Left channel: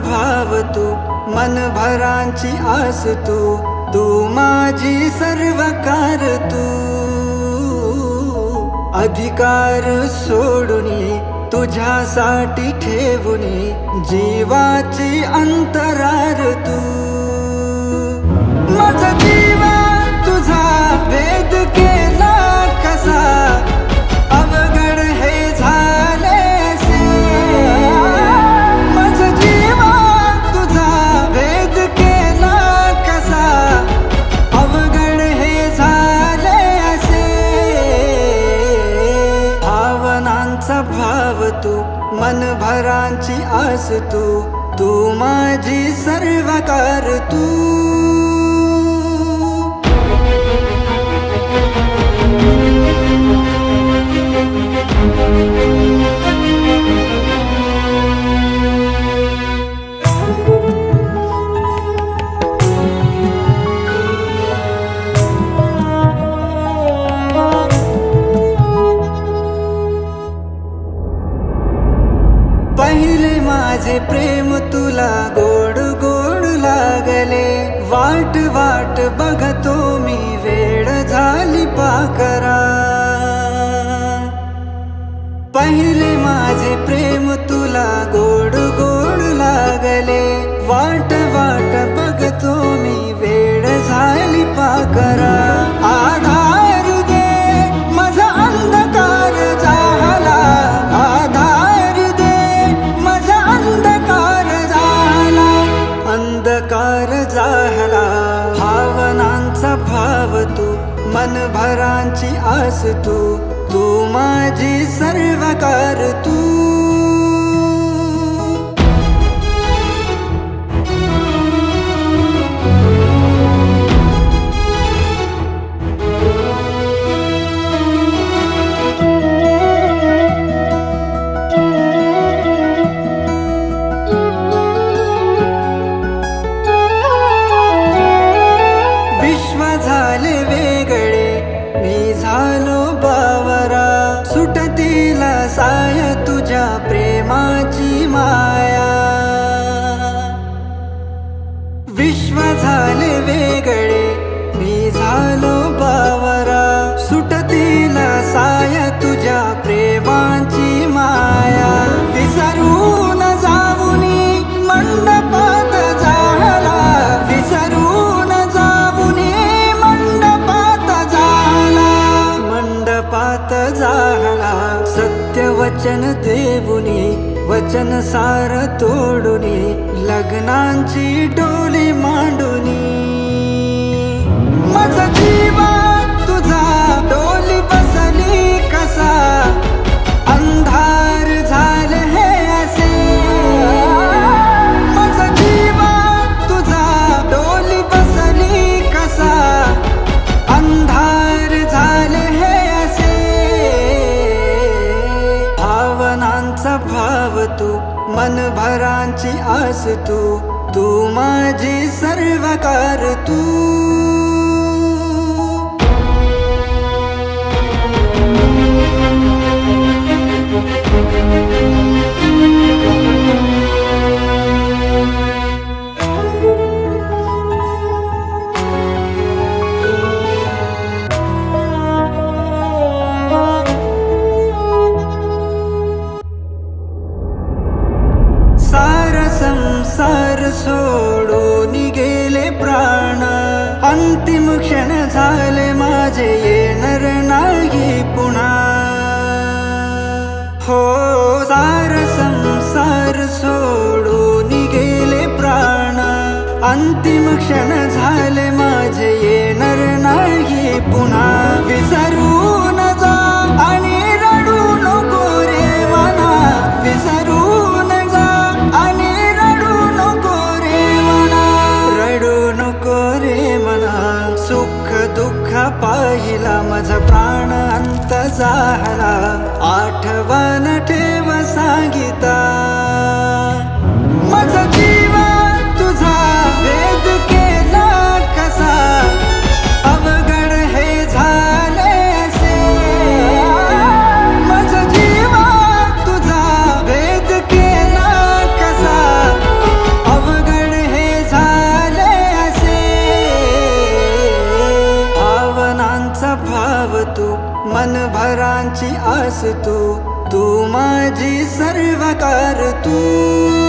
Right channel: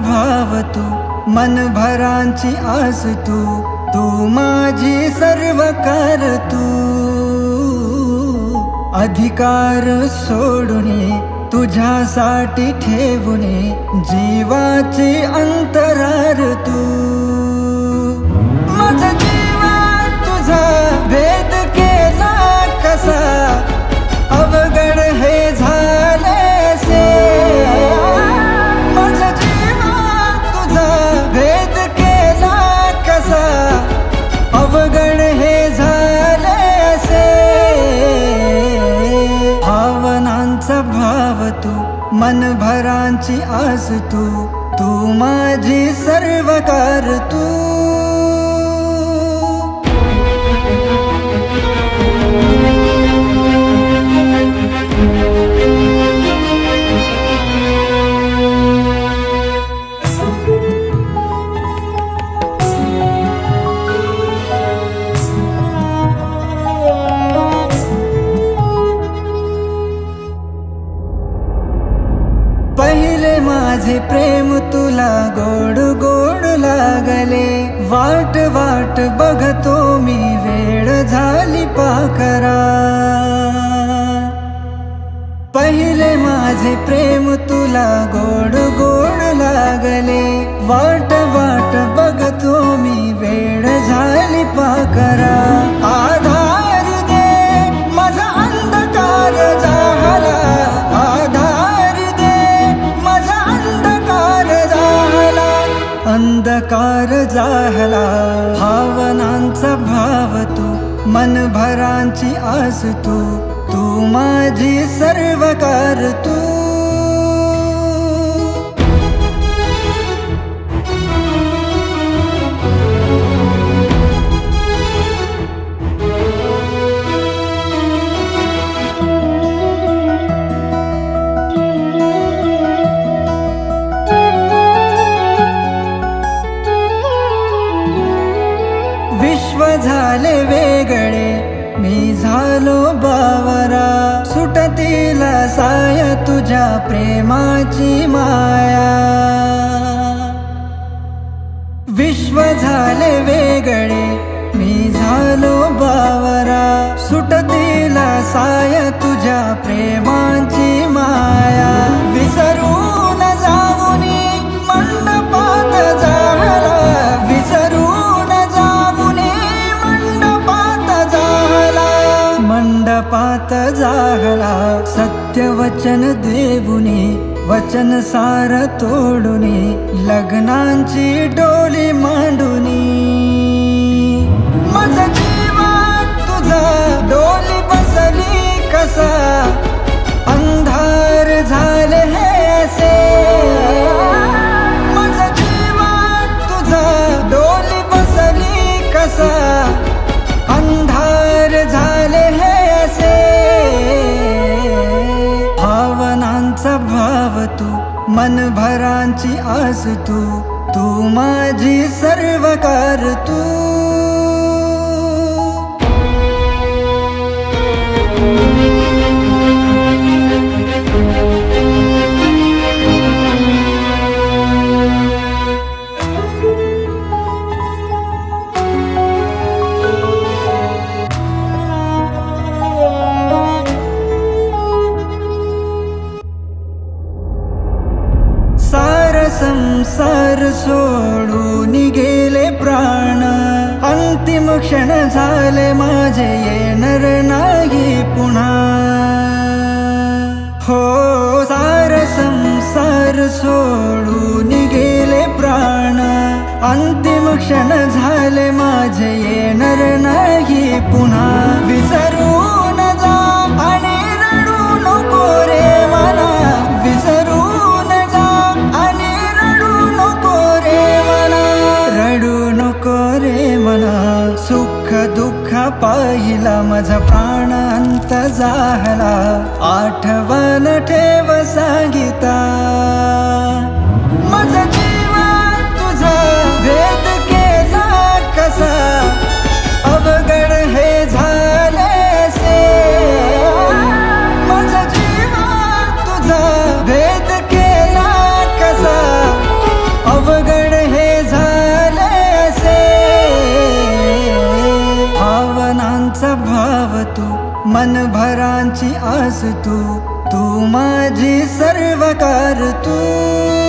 भाव तू, मनभरांची आस तू, तू माझी सर्वकार तू। अधिकार सोडूनी तुझ्यासाठी ठेवूनी जीवाची अंतरार तू। माझा जीवा तुझा भेद केला कसा, अवघड हे झालेसे। माझा जीवा तुझा भेद केला कसा, अवघड हे झालेसे। भावनांचा भाव तू, मनभरांची आस तू, तू माझी सर्वकार तू। पहिले माझे प्रेम तुला गोड गोड लागले, वाट वाट बघतो मी वेळ झाली पाकरा। पहिले माझे प्रेम तुला गोड गोड लागले, वाट वाट बघतो मी वेळ झाली पाकरा। आधार दे माझा अंधकार झाला, आधार अंधकार झाला। भावनांचा भाव तू, मनभरांची आस तू, तू माझी सर्वकार तू। विश्व झाले वेगळे मी झालो बावरा, सुटतीला साय तुझ्या प्रेमाची माया। विश्व झाले वेगळे मी झालो बावरा, सुटतीला साय तुझ्या प्रेमाची माया। विसरून जाऊनी मंडपात झाला, विसरून जाऊनी मंडपात झाला, मंडपात झाला। सत्य वचन देऊनी वचन सार तोडूनी, लग्नांची डोली मांडूनी। माझा जीवा तुझा डोली बसली कसा, अंधार झाले हे असे। माझा जीवा तुझा डोली बसली कसा, अंधार झाले हे असे। भावनांचा भाव तू, मनभरांची आस तू, तू माझी सर्वकार तू। संसार सोडून गेले प्राण, अंतिम क्षण झाले माझे येणार नाही पुन्हा। हो सार संसार सोडून गेले प्राण, अंतिम क्षण झाले माझे येणार नाही पुन्हा। विसरून जा आणि रडू नको रे मना, विसरून जा आणि रडू नको रे मना। सुख दुःख पाहिला माझा प्राण अंत झाला, आठवण ठेव सांगिता। माझा जीवा तुझा भेद केला कसा, अवघड हे झालेसे। माझा जीवा तुझा भेद केला कसा, सर्वांचा भाव तू, मनभरांची आस तू, तू माझी सर्वकार तू.